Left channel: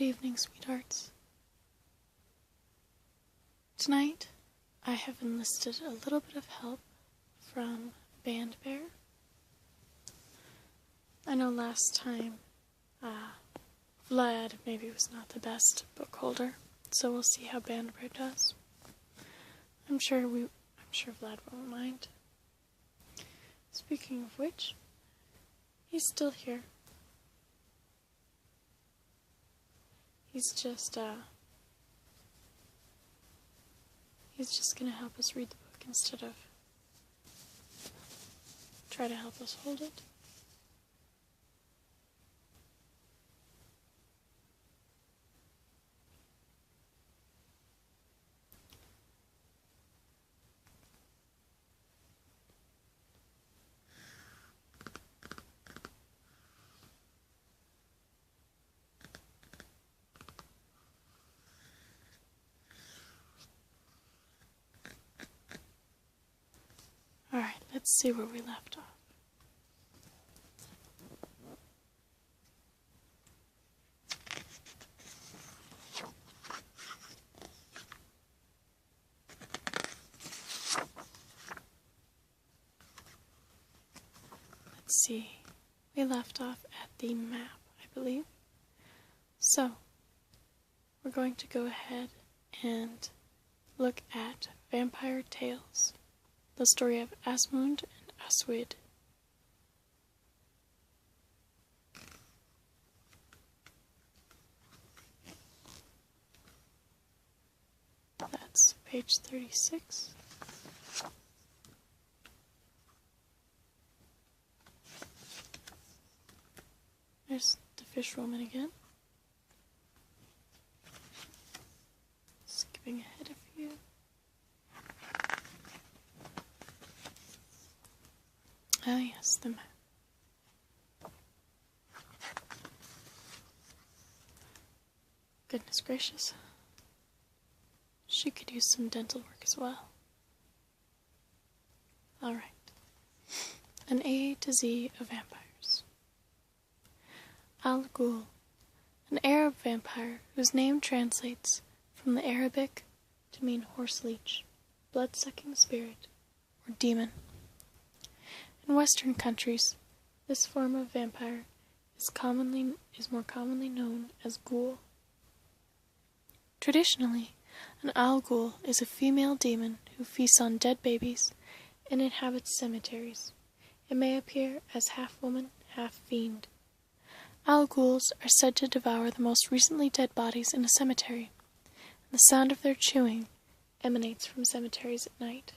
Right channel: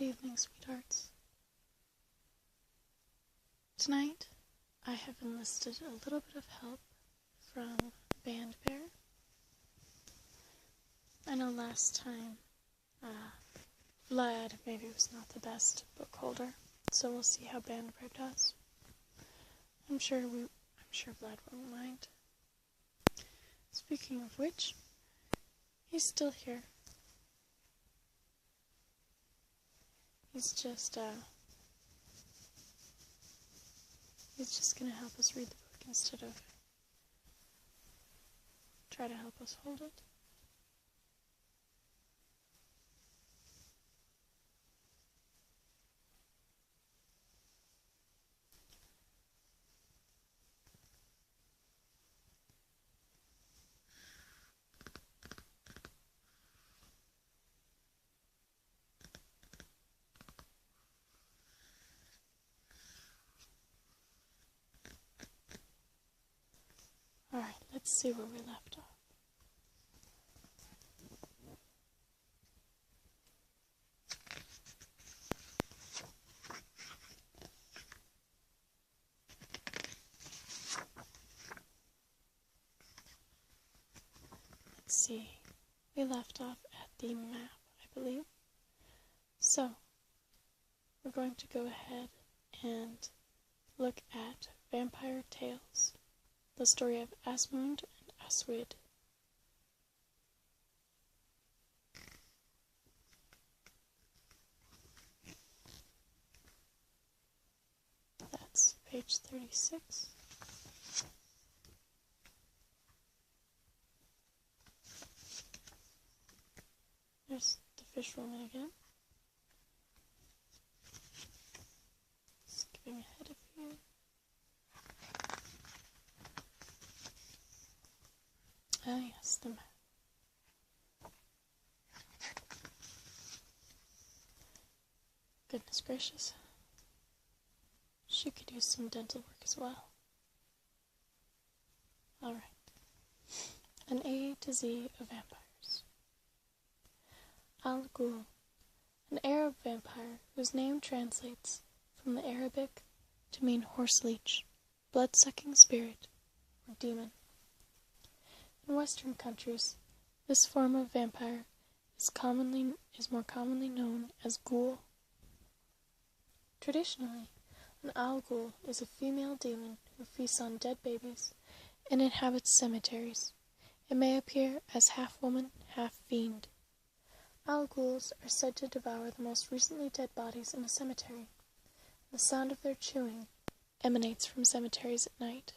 Good evening, sweethearts. Tonight, I have enlisted a little bit of help from Band Bear. I know last time, Vlad maybe was not the best book holder, so we'll see how Band Bear does. I'm sure Vlad won't mind. Speaking of which, he's still here. He's just gonna help us read the book instead of try to help us hold it. Alright, let's see where we left off. Let's see. We left off at the map, I believe. So, we're going to go ahead and look at Vampire Tales. The story of Aswang and Aswang. That's page 36. There's the fish woman again. Skipping ahead a few. Ah, yes, the map. Goodness gracious. She could use some dental work as well. Alright. An A to Z of vampires. Ghul, an Arab vampire whose name translates from the Arabic to mean horse leech, blood-sucking spirit, or demon. In Western countries, this form of vampire is more commonly known as Ghul. Traditionally, an Ghul is a female demon who feasts on dead babies and inhabits cemeteries. It may appear as half woman, half fiend. Ghouls are said to devour the most recently dead bodies in a cemetery, and the sound of their chewing emanates from cemeteries at night.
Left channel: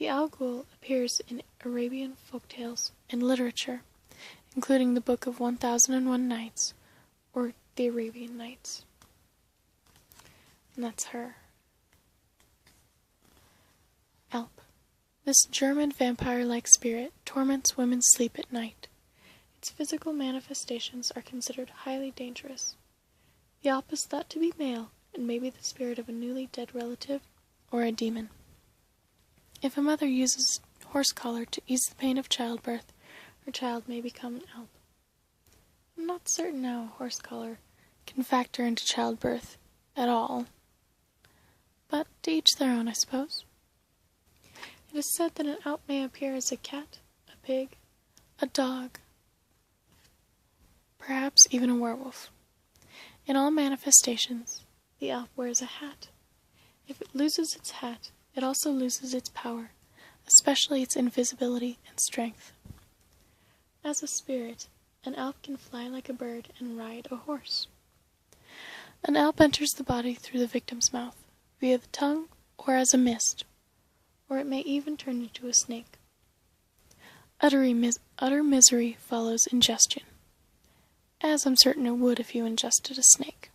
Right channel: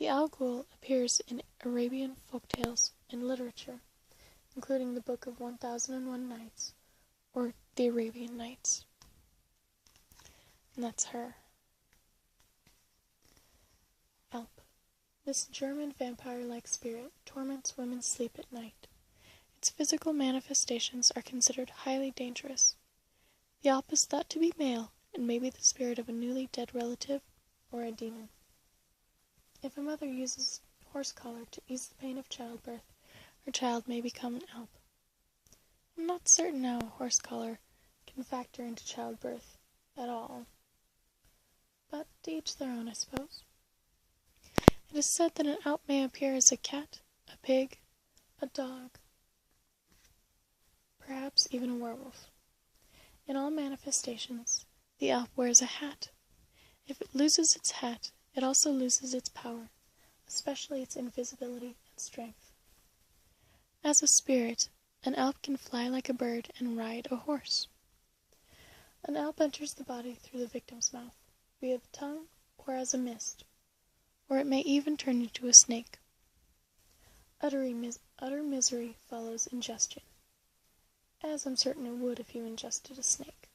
The Ghoul appears in Arabian folktales and literature, including the Book of 1001 Nights, or the Arabian Nights. And that's her. Alp. This German vampire-like spirit torments women's sleep at night. Its physical manifestations are considered highly dangerous. The Alp is thought to be male, and may be the spirit of a newly dead relative, or a demon. If a mother uses horse collar to ease the pain of childbirth, her child may become an Alp. I'm not certain how a horse collar can factor into childbirth at all, but to each their own, I suppose. It is said that an Alp may appear as a cat, a pig, a dog, perhaps even a werewolf. In all manifestations, the Alp wears a hat. If it loses its hat, it also loses its power, especially its invisibility and strength. As a spirit, an Alp can fly like a bird and ride a horse. An Alp enters the body through the victim's mouth, via the tongue, or as a mist, or it may even turn into a snake. Utter misery follows ingestion, as I'm certain it would if you ingested a snake.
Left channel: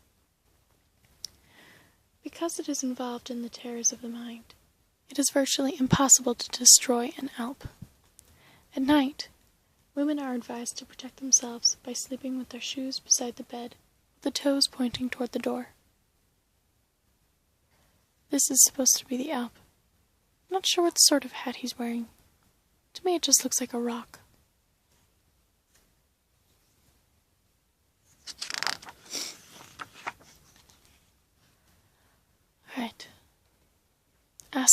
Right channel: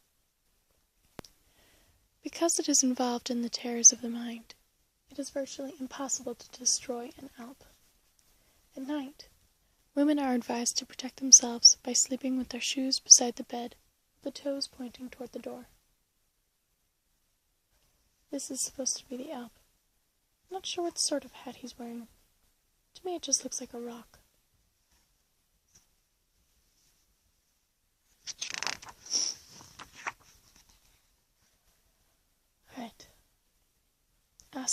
Because it is involved in the terrors of the mind, it is virtually impossible to destroy an Alp. At night, women are advised to protect themselves by sleeping with their shoes beside the bed, with the toes pointing toward the door. This is supposed to be the Alp. I'm not sure what sort of hat he's wearing. To me it just looks like a rock.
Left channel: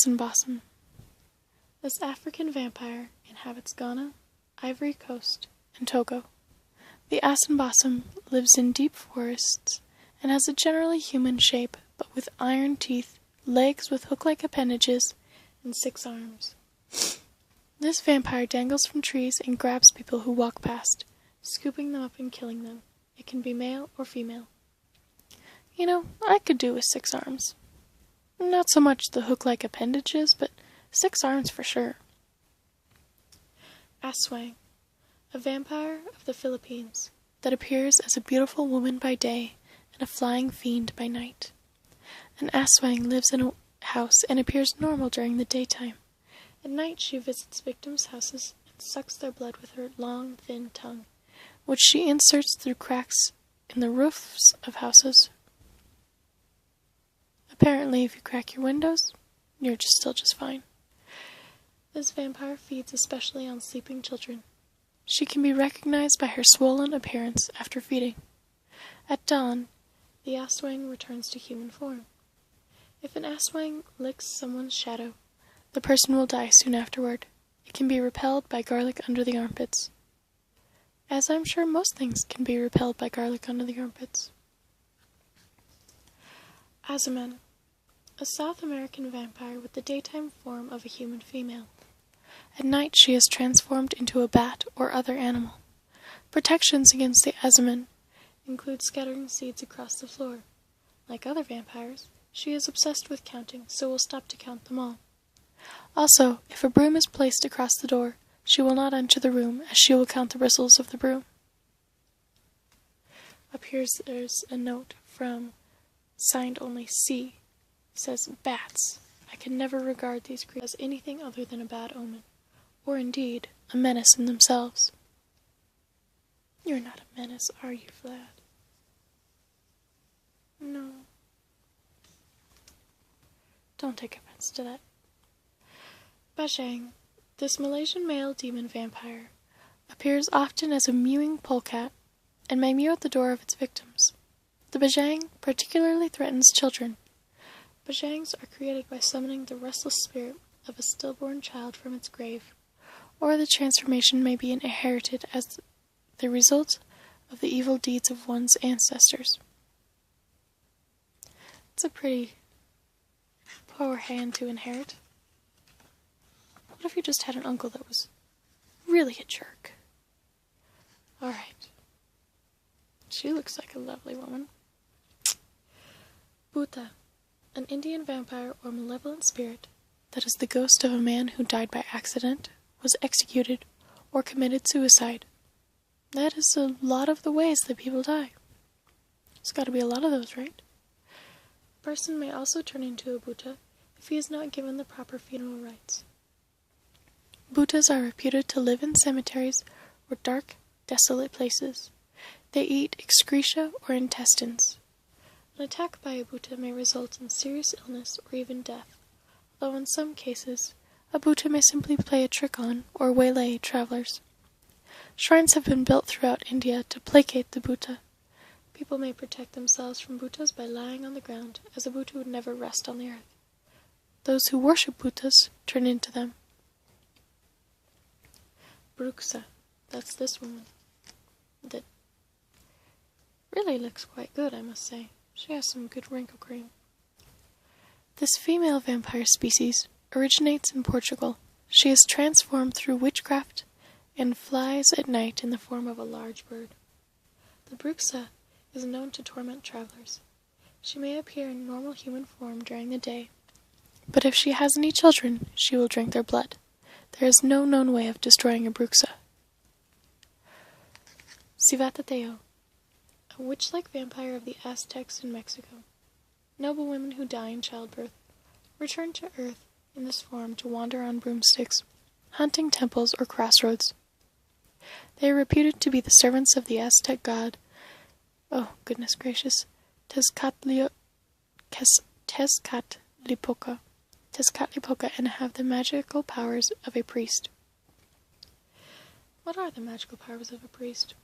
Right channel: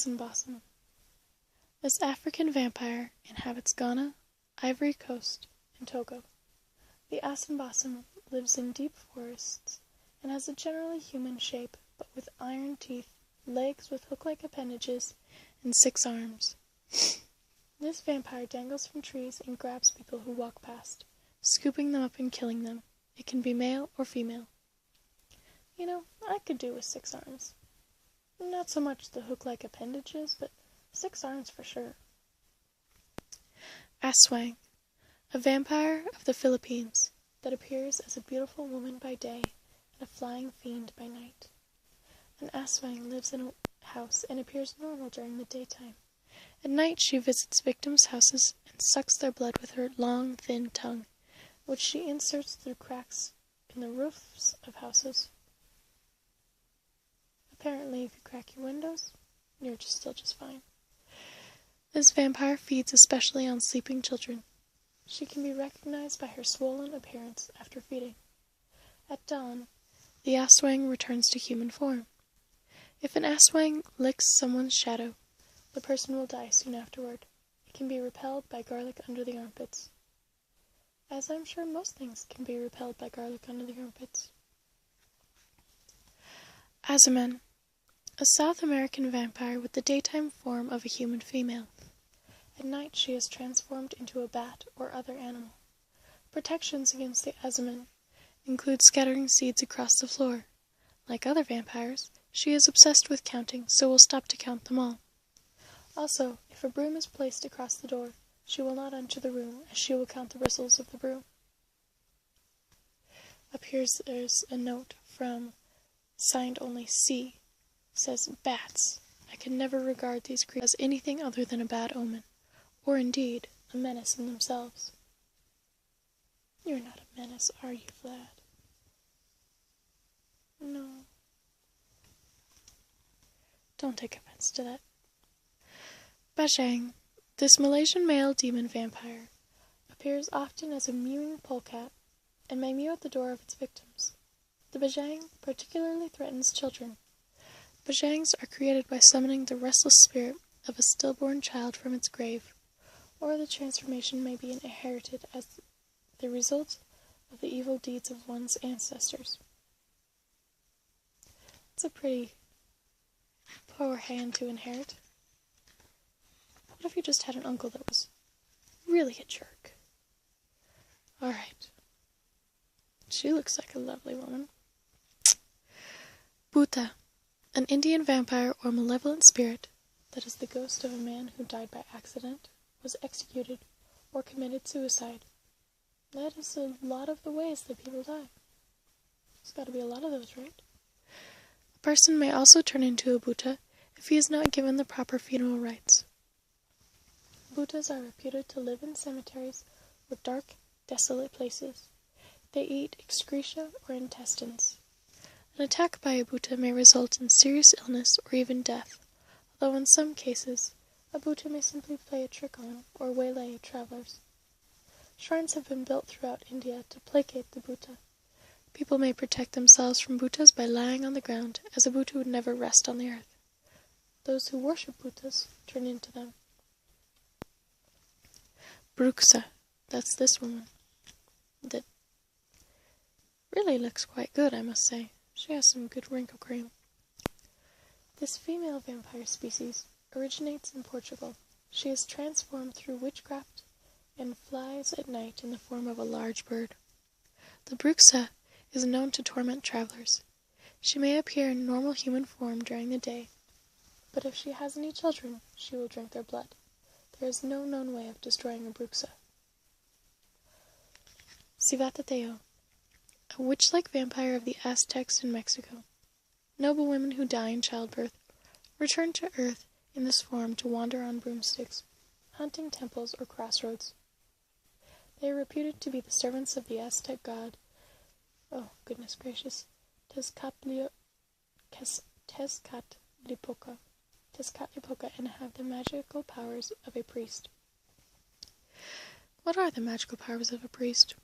Aswang. This African vampire inhabits Ghana, Ivory Coast, and Togo. The Aswang lives in deep forests and has a generally human shape, but with iron teeth, legs with hook-like appendages, and 6 arms. This vampire dangles from trees and grabs people who walk past, scooping them up and killing them. It can be male or female. You know, I could do with 6 arms. Not so much the hook-like appendages, but 6 arms for sure. Aswang, a vampire of the Philippines that appears as a beautiful woman by day and a flying fiend by night. An Aswang lives in a house and appears normal during the daytime. At night she visits victims' houses and sucks their blood with her long, thin tongue, which she inserts through cracks in the roofs of houses. Apparently, if you crack your windows, you're still just fine. This vampire feeds especially on sleeping children. She can be recognized by her swollen appearance after feeding. At dawn, the Aswang returns to human form. If an Aswang licks someone's shadow, the person will die soon afterward. It can be repelled by garlic under the armpits. As I'm sure most things can be repelled by garlic under the armpits. Aswang, a South American vampire with the daytime form of a human female. At night she is transformed into a bat or other animal. Protections against the Aswang include scattering seeds across the floor. Like other vampires, she is obsessed with counting, so will stop to count them all. Also, if a broom is placed across the door, she will not enter the room, as she will count the bristles of the broom. Up here there's a note from signed only C. It says, "Bats. I can never regard these creatures as anything other than a bad omen, or indeed, a menace in themselves." You're not a menace, are you, Vlad? No. Don't take offense to that. Bajang, this Malaysian male demon vampire, appears often as a mewing polecat and may mew at the door of its victims. The Bajang particularly threatens children. Bajangs are created by summoning the restless spirit of a stillborn child from its grave, or the transformation may be inherited as the result of the evil deeds of one's ancestors. It's a pretty poor hand to inherit. What if you just had an uncle that was really a jerk? Alright. She looks like a lovely woman. Bhuta, an Indian vampire or malevolent spirit that is the ghost of a man who died by accident, was executed, or committed suicide. That is a lot of the ways that people die. There's got to be a lot of those, right? A person may also turn into a Bhuta if he is not given the proper funeral rites. Bhutas are reputed to live in cemeteries or dark, desolate places. They eat excreta or intestines. An attack by a Bhuta may result in serious illness or even death, although in some cases, a Bhuta may simply play a trick on or waylay travelers. Shrines have been built throughout India to placate the Bhuta. People may protect themselves from Bhutas by lying on the ground, as a Bhuta would never rest on the earth. Those who worship Bhutas turn into them. Bruksa, that's this woman. That really looks quite good, I must say. She has some good wrinkle cream. This female vampire species originates in Portugal. She is transformed through witchcraft and flies at night in the form of a large bird. The Bruksa is known to torment travelers. She may appear in normal human form during the day, but if she has any children, she will drink their blood. There is no known way of destroying a Bruksa. Civatateo, a witch-like vampire of the Aztecs in Mexico. Noble women who die in childbirth return to Earth in this form to wander on broomsticks, hunting temples or crossroads. They are reputed to be the servants of the Aztec god, oh goodness gracious, Tezcatlipoca, and have the magical powers of a priest. What are the magical powers of a priest?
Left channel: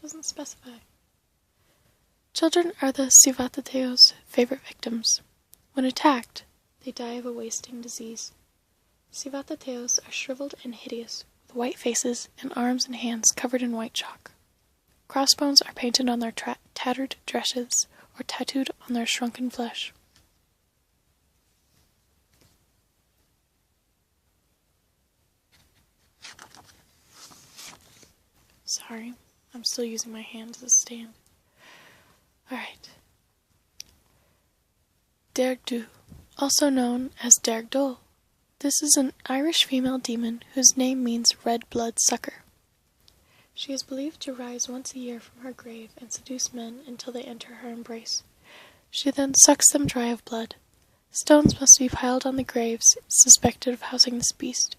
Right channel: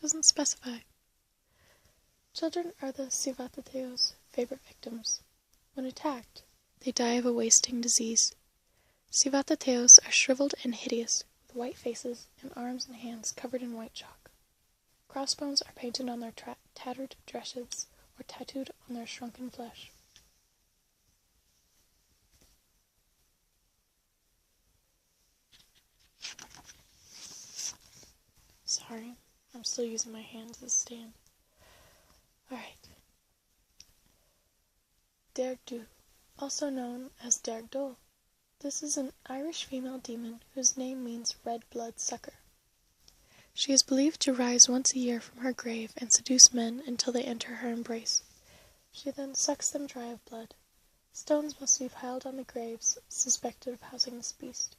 Doesn't specify. Children are the Civatateo's favorite victims. When attacked, They die of a wasting disease. Civatateos are shriveled and hideous, with white faces and arms and hands covered in white chalk. Crossbones are painted on their tattered dresses or tattooed on their shrunken flesh. Sorry, I'm still using my hand as a stand. Alright. Dergdu, also known as Dergdol. This is an Irish female demon whose name means red blood sucker. She is believed to rise once a year from her grave and seduce men until they enter her embrace. She then sucks them dry of blood. Stones must be piled on the graves suspected of housing this beast.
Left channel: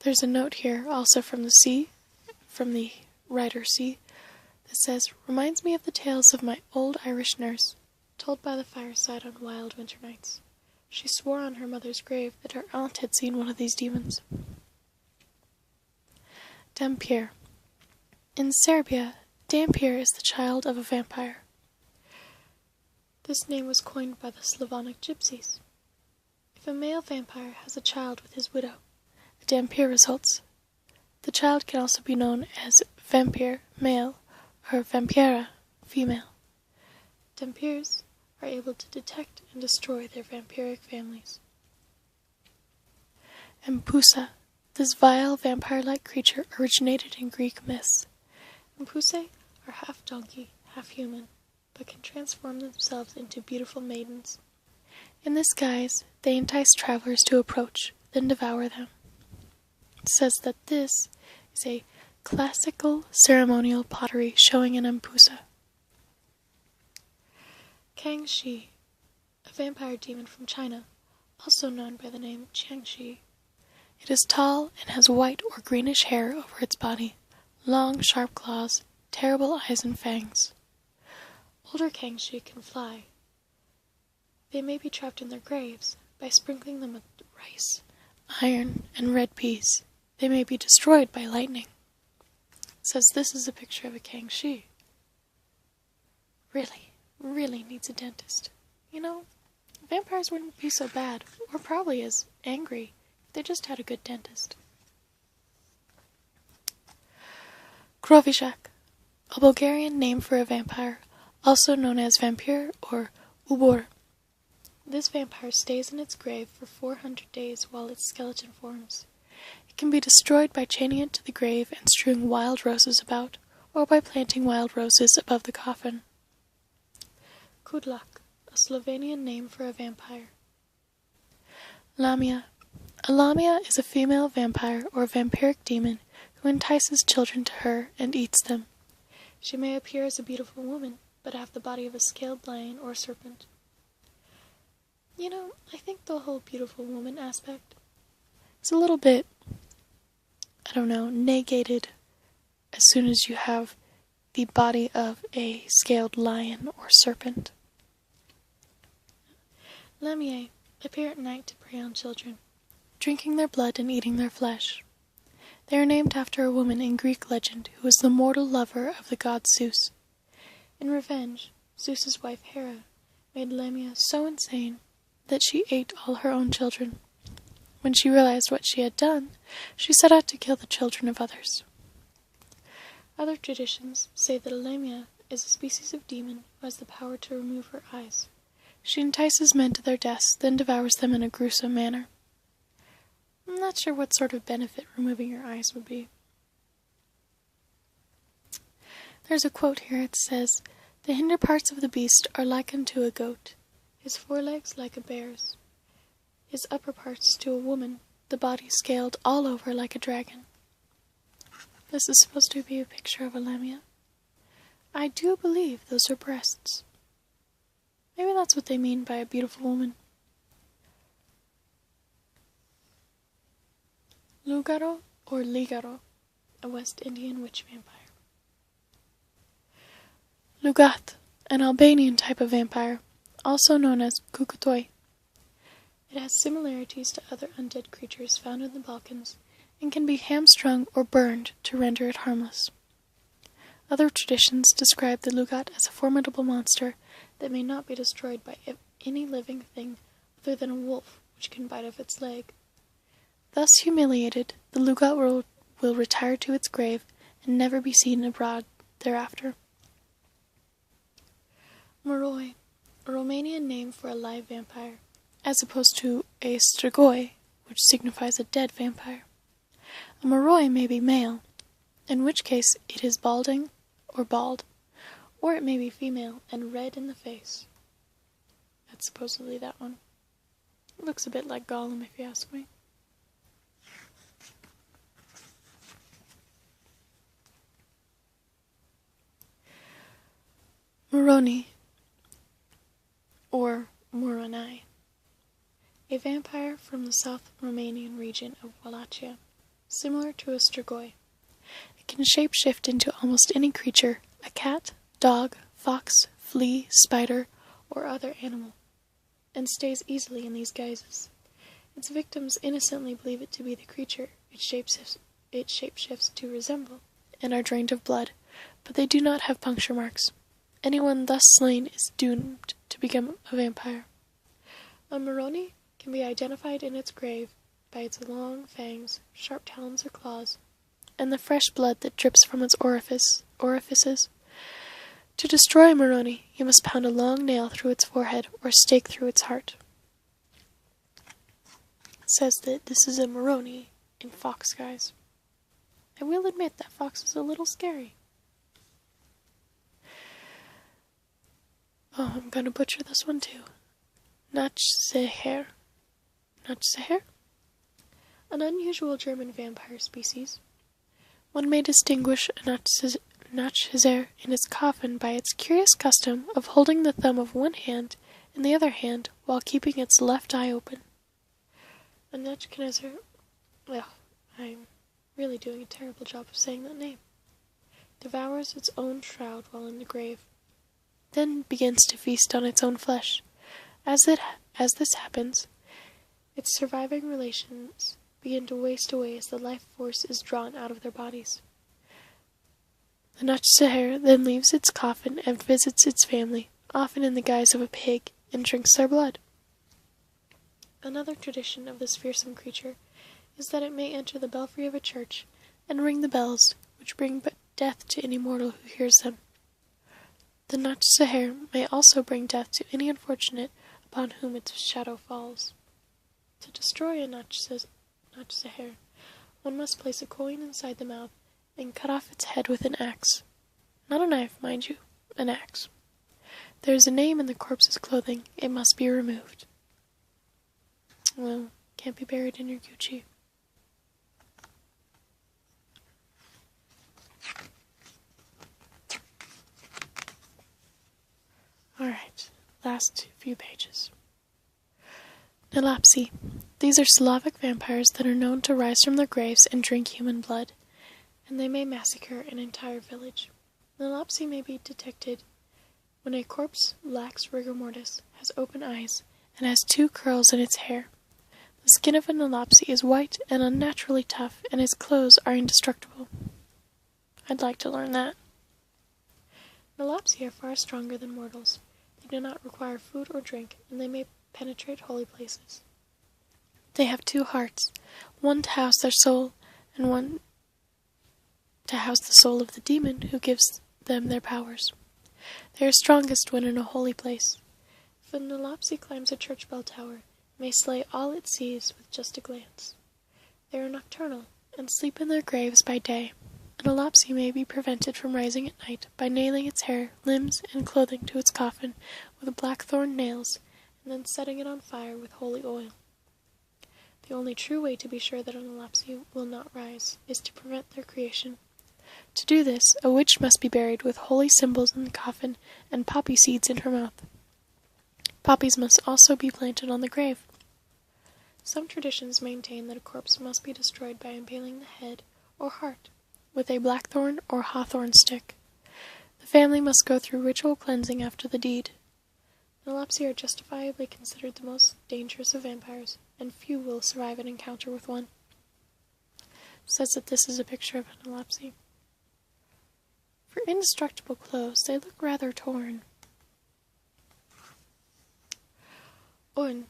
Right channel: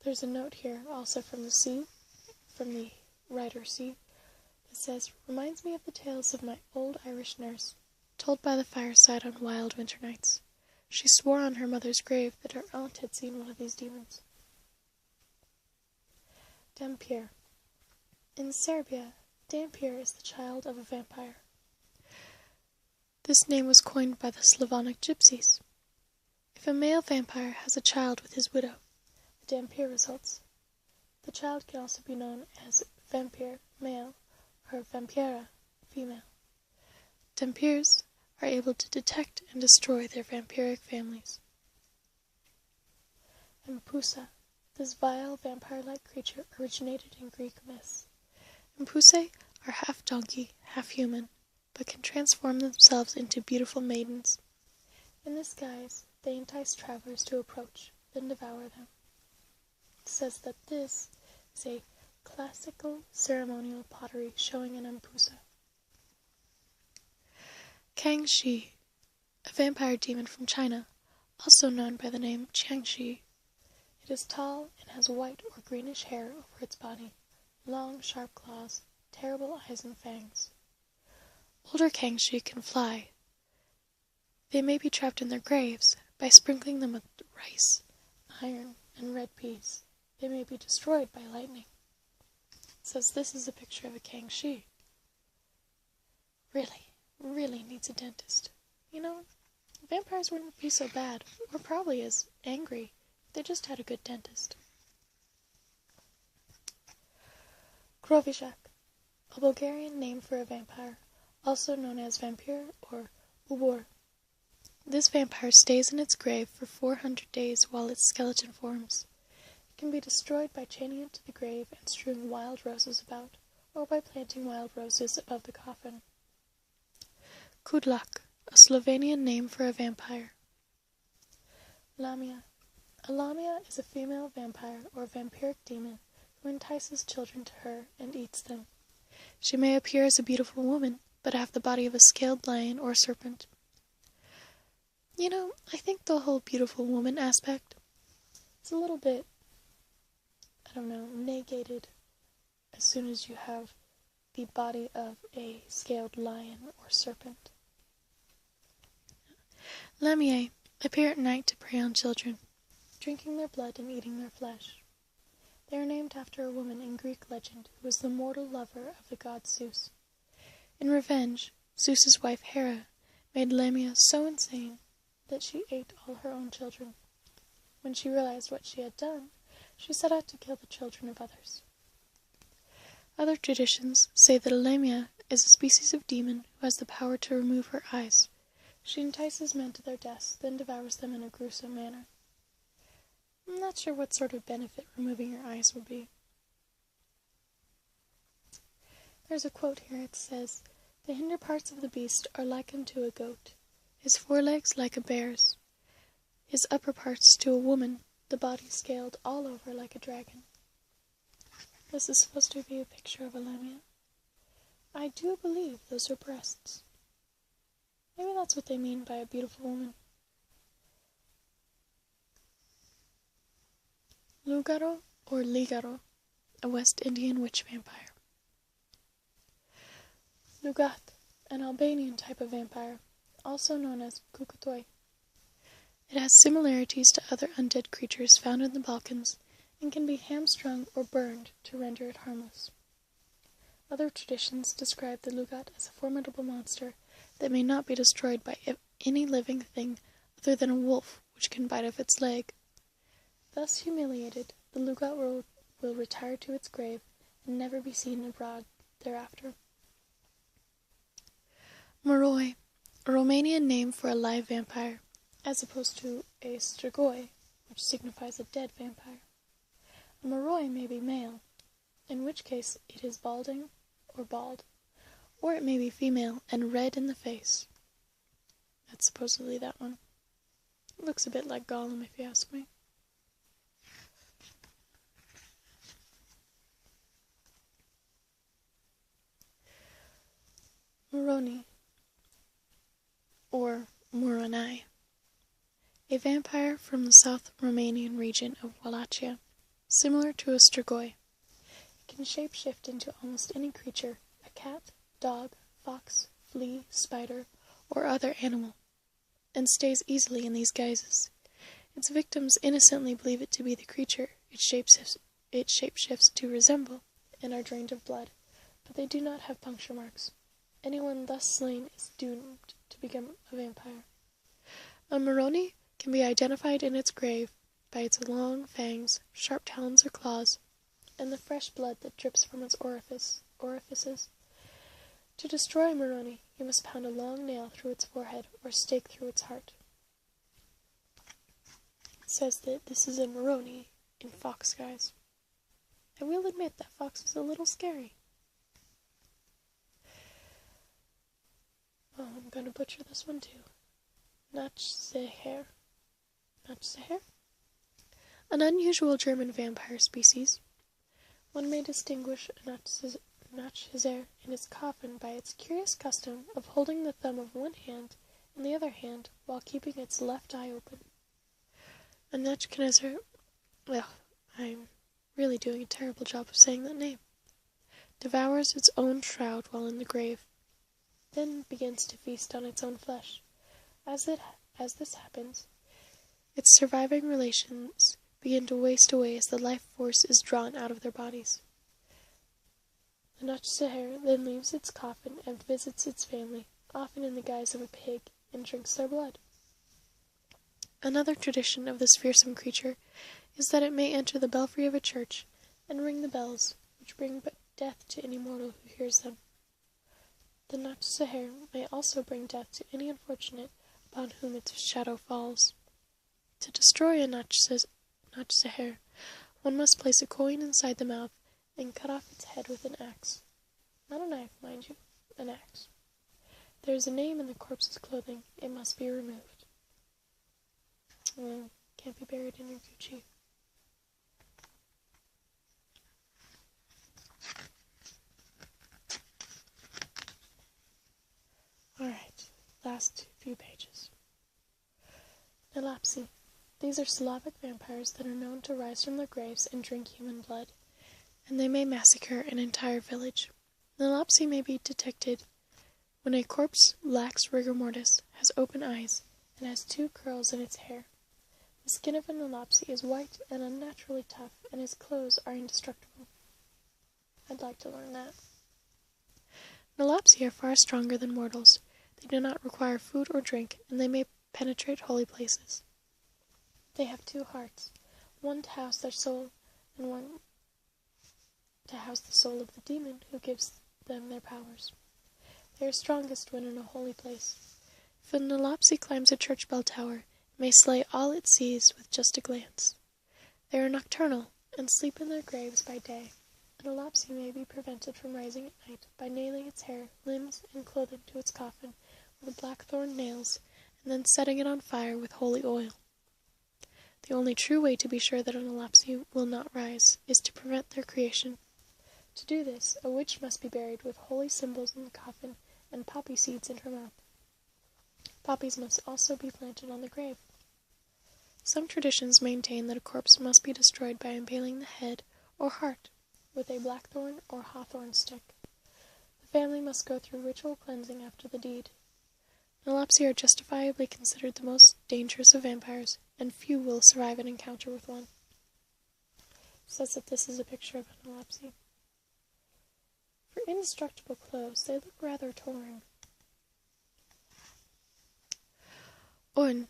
There's a note here, also from the writer C, that says, "Reminds me of the tales of my old Irish nurse, told by the fireside on wild winter nights. She swore on her mother's grave that her aunt had seen one of these demons." Dampir. In Serbia, Dampir is the child of a vampire. This name was coined by the Slavonic gypsies. If a male vampire has a child with his widow, a Dampir results. The child can also be known as vampire, male, or vampira, female. Dampirs are able to detect and destroy their vampiric families. Empusa. This vile vampire-like creature originated in Greek myths. Empusae are half donkey, half human, but can transform themselves into beautiful maidens. In this guise, they entice travelers to approach, then devour them. It says that this is a classical ceremonial pottery showing an empusa. Kangxi, a vampire demon from China, also known by the name Jiangxi. It is tall and has white or greenish hair over its body, long, sharp claws, terrible eyes and fangs. Older Kangxi can fly. They may be trapped in their graves by sprinkling them with rice, iron, and red peas. They may be destroyed by lightning. It says this is a picture of a Kangxi. Really needs a dentist. You know, vampires wouldn't be so bad, or probably as angry. They just had a good dentist. Krovizhak, a Bulgarian name for a vampire, also known as vampire or ubor. This vampire stays in its grave for 400 days while its skeleton forms. It can be destroyed by chaining it to the grave and strewing wild roses about, or by planting wild roses above the coffin. Kudlak, a Slovenian name for a vampire. Lamia. A lamia is a female vampire or vampiric demon who entices children to her and eats them. She may appear as a beautiful woman, but have the body of a scaled lion or serpent. You know, I think the whole beautiful woman aspect is a little bit, negated as soon as you have the body of a scaled lion or serpent. Lamiae appear at night to prey on children, drinking their blood and eating their flesh. They are named after a woman in Greek legend who was the mortal lover of the god Zeus. In revenge, Zeus's wife Hera made Lamia so insane that she ate all her own children. When she realized what she had done, she set out to kill the children of others. Other traditions say that a Lamia is a species of demon who has the power to remove her eyes. She entices men to their deaths, then devours them in a gruesome manner. I'm not sure what sort of benefit removing your eyes would be. There's a quote here. It says, "The hinder parts of the beast are like unto a goat, his forelegs like a bear's, his upper parts to a woman, the body scaled all over like a dragon." This is supposed to be a picture of a lamia. I do believe those are breasts. Maybe that's what they mean by a beautiful woman. Lugaro or Ligaro, a West Indian witch vampire. Lugat, an Albanian type of vampire, also known as Kukutoi. It has similarities to other undead creatures found in the Balkans and can be hamstrung or burned to render it harmless. Other traditions describe the Lugat as a formidable monster that may not be destroyed by any living thing other than a wolf which can bite off its leg. Thus humiliated, the Lugat will retire to its grave and never be seen abroad thereafter. Moroi, a Romanian name for a live vampire, as opposed to a strigoi, which signifies a dead vampire. A moroi may be male, in which case it is balding or bald, or it may be female and red in the face. That's supposedly that one. It looks a bit like Gollum, if you ask me. Moroni, or Moroni, a vampire from the South Romanian region of Wallachia, similar to a strigoi. It can shapeshift into almost any creature, a cat, dog, fox, flea, spider, or other animal, and stays easily in these guises. Its victims innocently believe it to be the creature it shapeshifts to resemble, and are drained of blood, but they do not have puncture marks. Anyone thus slain is doomed to become a vampire. A Moroni can be identified in its grave by its long fangs, sharp talons or claws, and the fresh blood that drips from its orifices. To destroy a Moroni, you must pound a long nail through its forehead or stake through its heart. It says that this is a Moroni in fox guise. I will admit that fox was a little scary. Oh, I'm gonna butcher this one too. Nachseher. Nachseher? An unusual German vampire species. One may distinguish a Nachseher in its coffin by its curious custom of holding the thumb of one hand in the other hand while keeping its left eye open. A Nachseher... Well, I'm really doing a terrible job of saying that name. Devours its own shroud while in the grave, then begins to feast on its own flesh. As this happens, its surviving relations begin to waste away as the life force is drawn out of their bodies. The Nachseher then leaves its coffin and visits its family, often in the guise of a pig, and drinks their blood. Another tradition of this fearsome creature is that it may enter the belfry of a church and ring the bells, which bring death to any mortal who hears them. The Nachseher may also bring death to any unfortunate upon whom its shadow falls. To destroy a Nachseher, one must place a coin inside the mouth and cut off its head with an axe. Not a knife, mind you, an axe. There is a name in the corpse's clothing. It must be removed. Well, can't be buried in your Gucci. Alright, last few pages. Lopsy. These are Slavic vampires that are known to rise from their graves and drink human blood, and they may massacre an entire village. The Lopsy may be detected when a corpse lacks rigor mortis, has open eyes, and has 2 curls in its hair. The skin of an Lopsy is white and unnaturally tough, and its clothes are indestructible. I'd like to learn that. Lopsy are far stronger than mortals. They do not require food or drink, and they may penetrate holy places. They have 2 hearts, one to house their soul, and one to house the soul of the demon who gives them their powers. They are strongest when in a holy place. If an Lopsy climbs a church bell tower, it may slay all it sees with just a glance. They are nocturnal, and sleep in their graves by day. An Lopsy may be prevented from rising at night by nailing its hair, limbs, and clothing to its coffin with blackthorn nails, and then setting it on fire with holy oil. The only true way to be sure that an Lopsy will not rise is to prevent their creation. To do this, a witch must be buried with holy symbols in the coffin and poppy seeds in her mouth. Poppies must also be planted on the grave. Some traditions maintain that a corpse must be destroyed by impaling the head or heart with a blackthorn or hawthorn stick. The family must go through ritual cleansing after the deed. Lopsy are justifiably considered the most dangerous of vampires, and few will survive an encounter with one. It says that this is a picture of an Lopsy. For indestructible clothes, they look rather torn. On.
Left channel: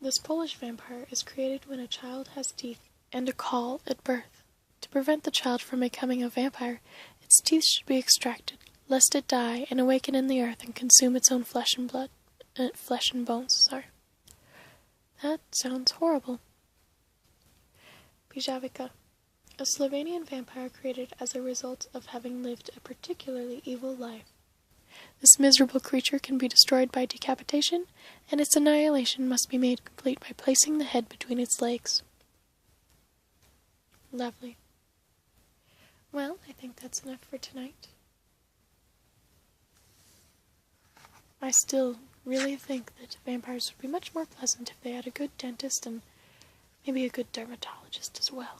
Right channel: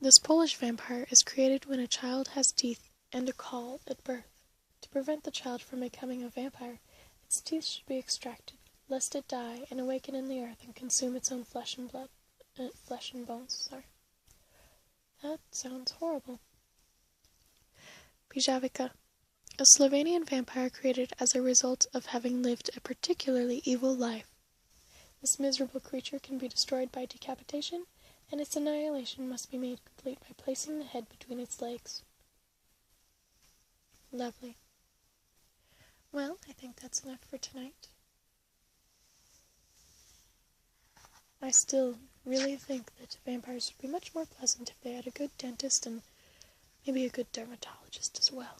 This Polish vampire is created when a child has teeth and a caul at birth. To prevent the child from becoming a vampire, its teeth should be extracted, lest it die and awaken in the earth and consume its own flesh and bones. That sounds horrible. Bijavika. A Slovenian vampire created as a result of having lived a particularly evil life. This miserable creature can be destroyed by decapitation, and its annihilation must be made complete by placing the head between its legs. Lovely. Well, I think that's enough for tonight. I still really think that vampires would be much more pleasant if they had a good dentist and maybe a good dermatologist as well.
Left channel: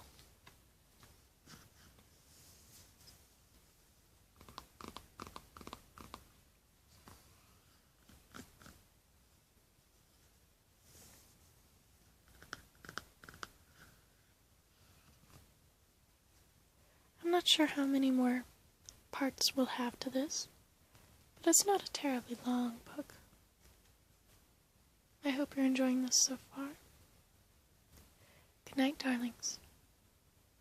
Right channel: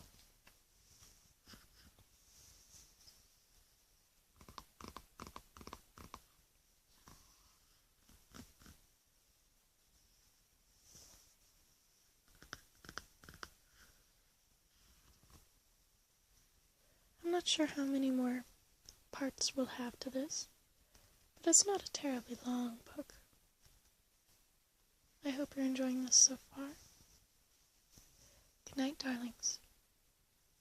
I'm not sure how many more parts we'll have to this, but it's not a terribly long book. I hope you're enjoying this so far. Good night, darlings.